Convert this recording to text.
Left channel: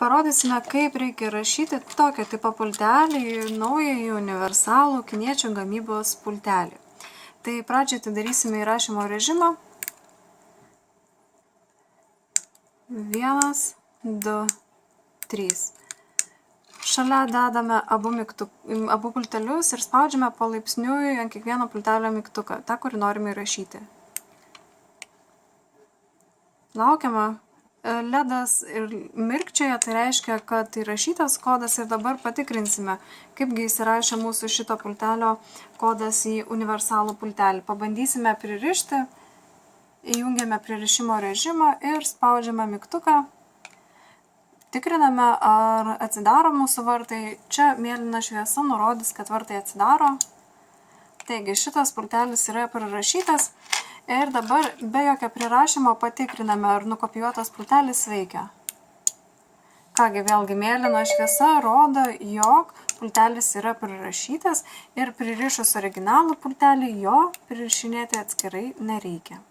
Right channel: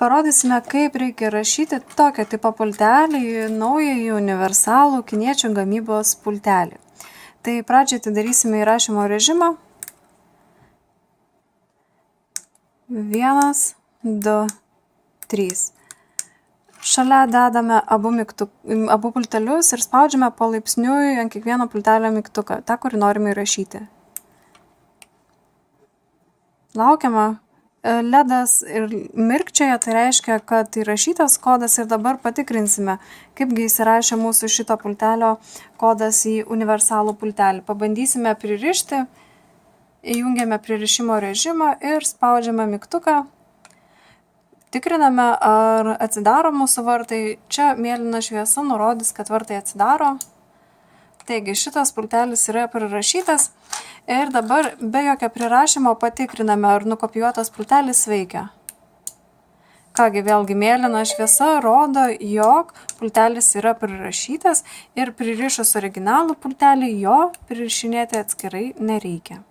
Parodysime, kaip reikia rašyti tokio tipo pultelį į naująjį universalų kiniečių gamybos pultelį. Tai pradžiai atidarysime įrašymo režimą. 1, 2, 3. Šalia dedame abu pultelius ir spaudžiame palaipsniui ant kiekvieno pultelio mygtuką, tą, kurį norime įrašyti. Laukiame. LEDas ir mirkčioja, tai reiškia, kad įrašytas kodas ir dabar patikrinsime, kaipgi įsirašė mūsų šito pultelio kodas į universalų pultelį. Pabandysime pririšti, įjungiame pririšimo režimą ir spaudžiame mygtuką. Tikriname, ar atsidaro mūsų vartai. Čia mėlyna šviesa nurodys, kad vartai atsidaro. Taigi, šitas pultelis yra prirašytas. Ir dabar be jokio prirašymo patikriname, ar nukopijuotas pultelis veikia. Kągi, vėlgi mėlyna šviesa rodo, jog pultelis yra prirašytas ir pririšus originalų pultelį jo pririšinėti atskirai nereikia.